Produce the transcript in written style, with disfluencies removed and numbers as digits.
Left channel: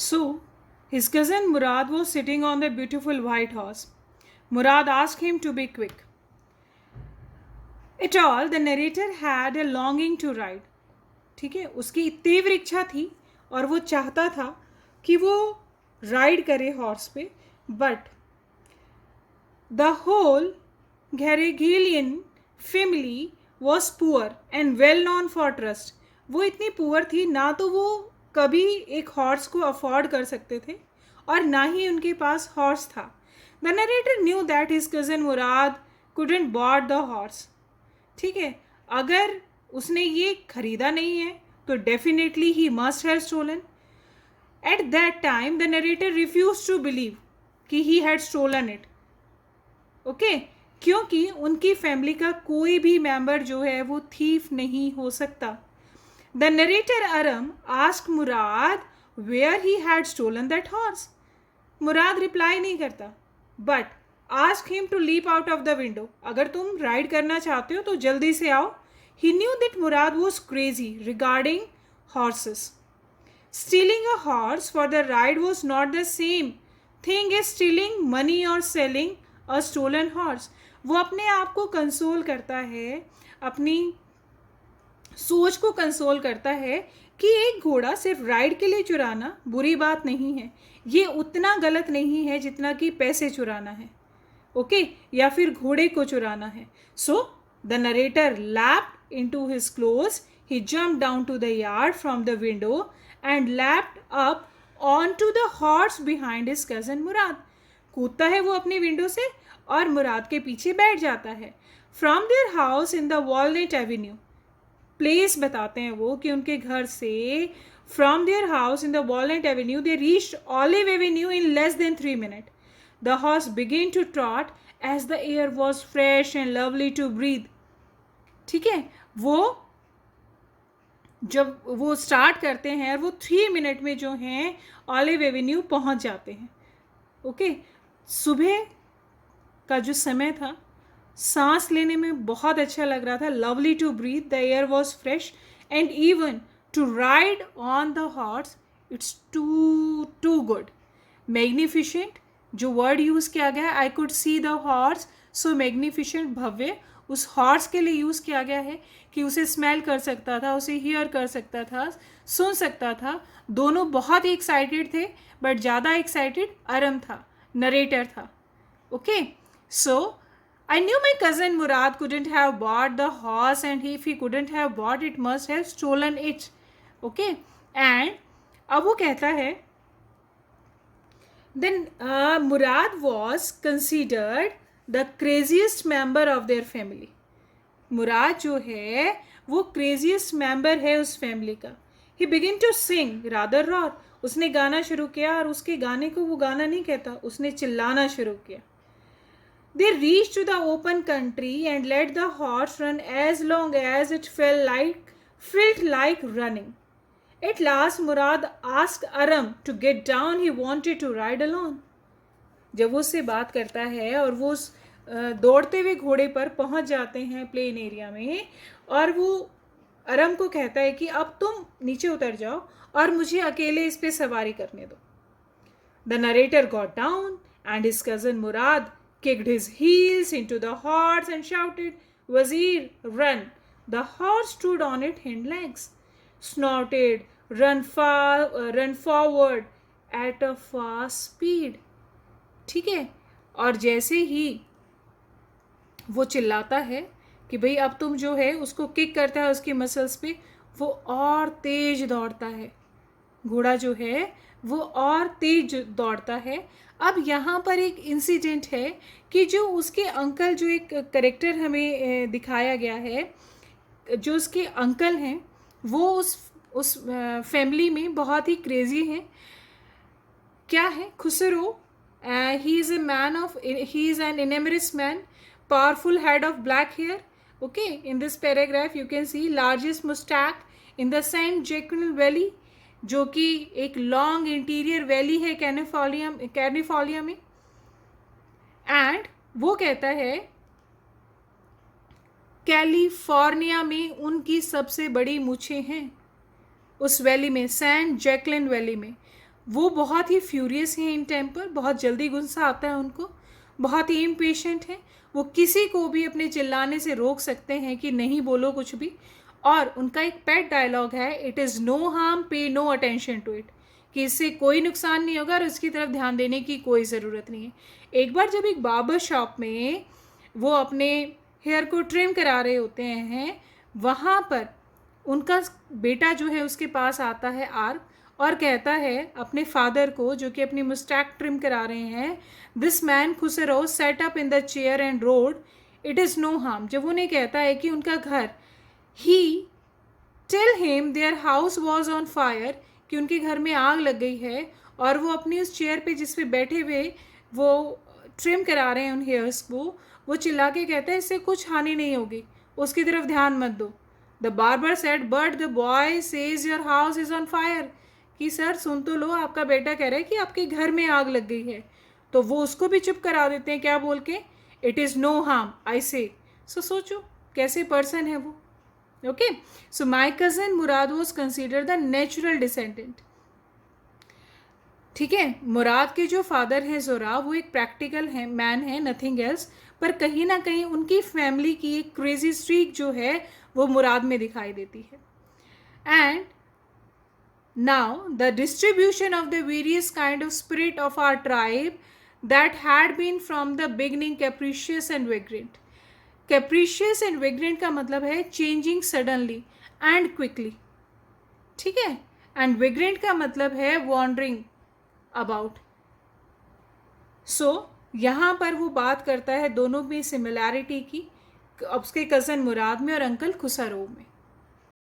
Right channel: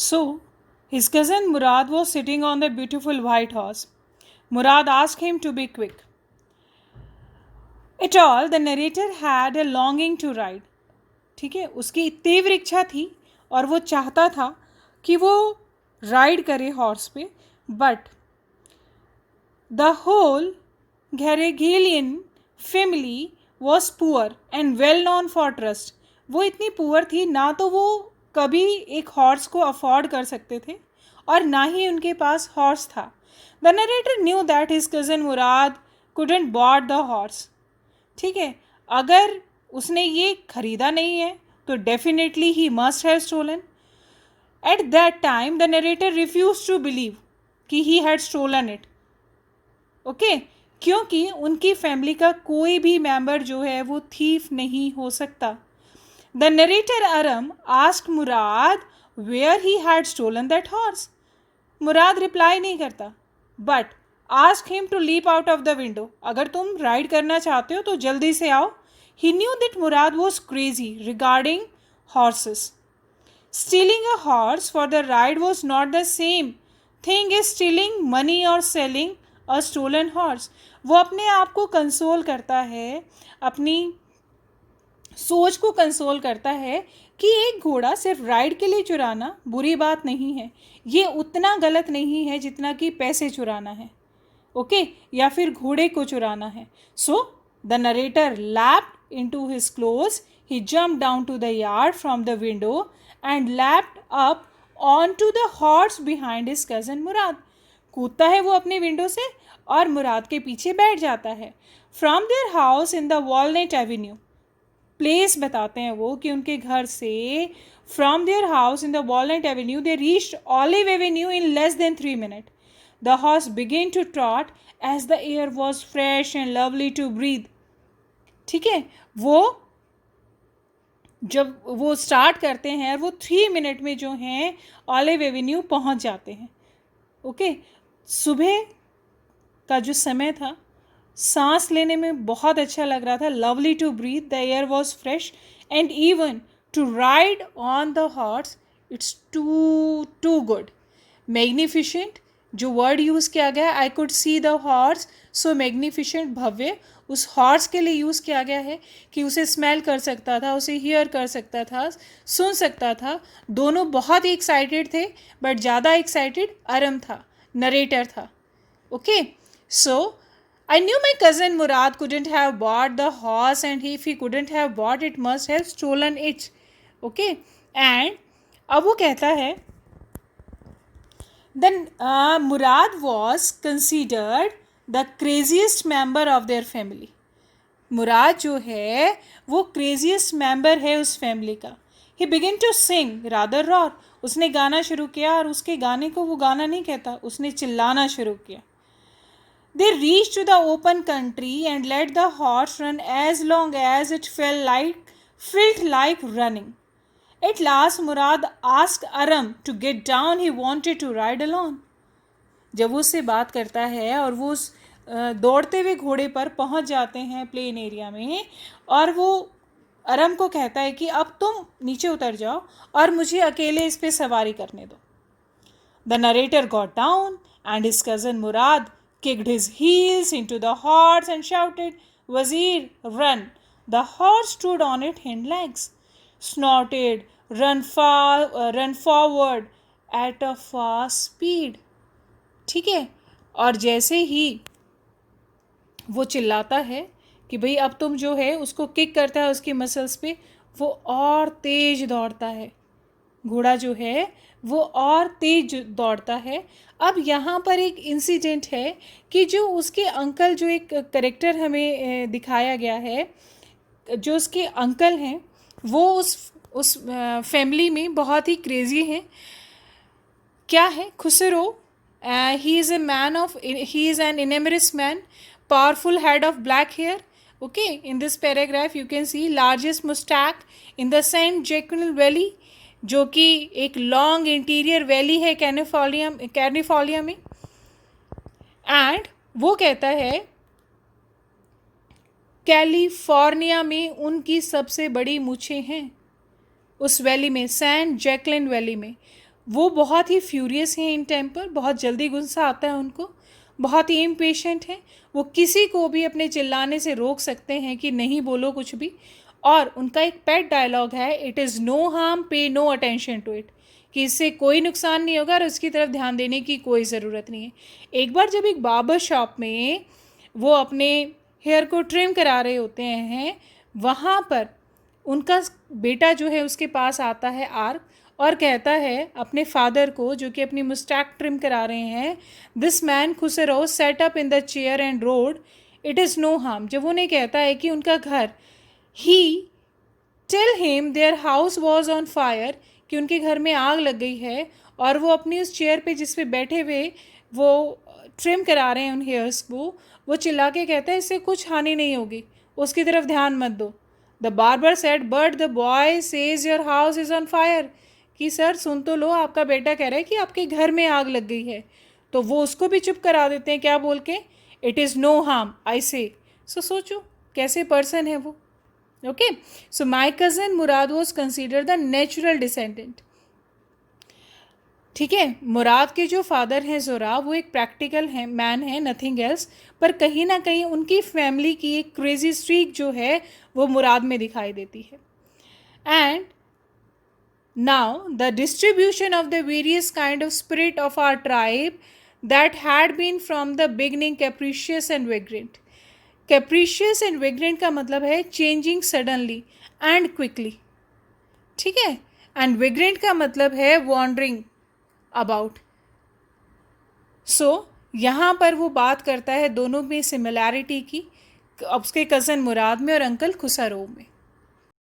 So, his cousin Murad was sitting on the beautiful white horse. Murad asked him to be quick. At all, the narrator had a longing to ride. ठीक है, उसकी तीव्र इच्छा थी और वो चाहता था कि वो राइड करे हॉर्स पे, but the whole Garoghlanian family was poor and well known for trust. वो इतनी पुअर थी, ना तो वो कभी एक हॉर्स को अफोर्ड कर सकते थे और ना ही उनके पास हॉर्स था. The narrator knew that his cousin Mourad couldn't bought the horse. ठीक है, अगर उसने ये खरीदा नहीं है तो definitely he must have stolen. At that time the narrator refuse to believe कि he had stolen it. Okay, क्योंकि उनकी फैमिली का कोई भी मेंबर जो है वो थीफ नहीं हो सकता. The narrator Aram asked Mourad where he had stolen that horse. Mourad reply नहीं करता, but ask him to leap out of the window. अगर तुम राइड करना चाहते हो तो जल्दी से आओ. He knew that Mourad was crazy regarding horses. Stealing a horse for the ride was not the same thing as stealing money और सेलिंग अ स्टोलन हॉर्स. वो अपने आप को कंसोल करता है, अपनी सोच को कंसोल करता है कि एक घोड़ा सिर्फ राइड के लिए चुराना बुरी बात नहीं है. ये उतना गलत नहीं है जितना कि पैसे चुराना है, ओके, या फिर घोड़े को चुराना है. So the narrator leaped into his clothes. He jumped down to the yard from the window and leaped up on to the horse behind his cousin Mourad. कूदता है वो अपनी विंडो से और मुराद के पीछे बैठ जाता है. From their house in the walnut Avenue, place बताते हैं वो कि उनके घर से from their house in the walnut Avenue they reached olive Avenue in less than 3 minutes. The horse began to trot as the air was fresh and lovely to breathe. ठीक है, वो जब वो स्टार्ट करते हैं वो 3 minutes में जो हैं ऑलिव एवेन्यू पहुंच जाते हैं. ओके, सुबह का जो समय था, सांस लेने में बहुत अच्छा लग रहा था. Lovely to breathe, the air was fresh and even to ride on the horse it's too good. Magnificent जो वर्ड यूज़ किया गया, I could see the horse, so magnificent, भव्य, उस हॉर्स के लिए यूज़ किया गया है कि उसे स्मेल कर सकता था, उसे हियर कर सकता था, सुन सकता था. दोनों बहुत ही एक्साइटेड थे, बट ज़्यादा एक्साइटेड अरम था, नरेटर था. Okay, so I knew my cousin Murad couldn't have bought the horse and if he couldn't have bought it must have stolen it. Okay, and अब वो कहता है then Murad was considered the craziest member of their family. मुराद जो है वो craziest member है उस family का. He begin to sing rather roar. उसने गाना शुरू किया और उसके गाने को वो गाना नहीं कहता, उसने चिल्लाना शुरू किया. They reached to the open country and let the horse run as long as it felt like running. At last Murad asked Aram to get down. He wanted to ride alone. जब वो उससे बात करता है और वो उस दौड़ते हुए घोड़े पर पहुंच जाते हैं प्लेन एरिया में, और वो अरम को कहता है कि अब तुम नीचे उतर जाओ और मुझे अकेले इस पे सवारी करने दो. The narrator got down and his cousin Murad kicked his heels into the horse and shouted, "Wazir, run!" The horse stood on its hind legs, snorted, run forward at a fast speed. ठीक है, और जैसे ही वो चिल्लाता है कि भाई अब तुम जो है उसको किक करता है उसकी मसल्स पे, वो और तेज दौड़ता है. घोड़ा जो है वो और तेज दौड़ता है. अब यहाँ पर एक इंसिडेंट है कि जो उसके अंकल, जो एक करेक्टर हमें दिखाया गया है, जो उसके अंकल हैं वो उस फैमिली में बहुत ही क्रेजी हैं. क्या है? Khusro. He is an enormous man, powerful head of black hair. Okay, in this paragraph you can see largest moustache in the San Joaquin valley, जो कि एक लॉन्ग इंटीरियर वैली है कैलिफोर्निया में. एंड वो कहता है कैलिफोर्निया में उनकी सबसे बड़ी मूछें हैं उस वैली में, सेंट जैक्लिन वैली में. वो बहुत ही फ्यूरियस हैं इन टेम्पर, बहुत जल्दी गुस्सा आता है उनको, बहुत ही इम्पेशेंट हैं। वो किसी को भी अपने चिल्लाने से रोक सकते हैं कि नहीं बोलो कुछ भी। और उनका एक पेट डायलॉग है, इट इज़ नो हार्म पे नो अटेंशन टू इट, कि इससे कोई नुकसान नहीं होगा और उसकी तरफ ध्यान देने की कोई ज़रूरत नहीं है। एक बार जब एक बार्बर शॉप में वो अपने हेयर को ट्रिम करा रहे होते हैं, वहाँ पर उनका बेटा जो है उसके पास आता है आर्क, और कहता है अपने फादर को, जो कि अपनी मुस्टैक ट्रिम करा रहे हैं, this man Khusro set up in the chair and roared, it is no harm. जब उन्हें कहता है कि उनका घर, he tell him their house was on fire, कि उनके घर में आग लग गई है, और वो अपनी उस चेयर पे जिस पे बैठे हुए वो ट्रिम करा रहे हैं उन हेयर्स को, वो चिल्ला के कहते हैं इससे कुछ हानि नहीं होगी, उसकी तरफ ध्यान मत दो। The barber said but the boy says your house is on fire, कि सर सुन तो लो, आपका बेटा कह रहा है कि आपके घर में आग लग गई है। तो वो उसको भी चुप करा देते हैं, क्या बोल के, it is no harm I say. So सोचो कैसे पर्सन है वो। Okay, so my cousin Mourad was consider the natural descendant. ठीक है, मुराद के जो फादर हैं ज़ोरा, वो एक प्रैक्टिकल है मैन है, नथिंग एल्स। पर कहीं ना कहीं उनकी फैमिली की एक क्रेजी स्ट्रीक जो है वो मुराद में दिखाई देती है। And now the distribution of the various kind of spirit of our tribe that had been from the beginning capricious and vagrant. Capricious and vagrant का मतलब है changing suddenly and quickly, ठीक है, and vagrant का मतलब है wandering about. So यहाँ पर वो बात करता है दोनों में सिमिलैरिटी की, उसके कज़न मुराद में और अंकल खुसरो में।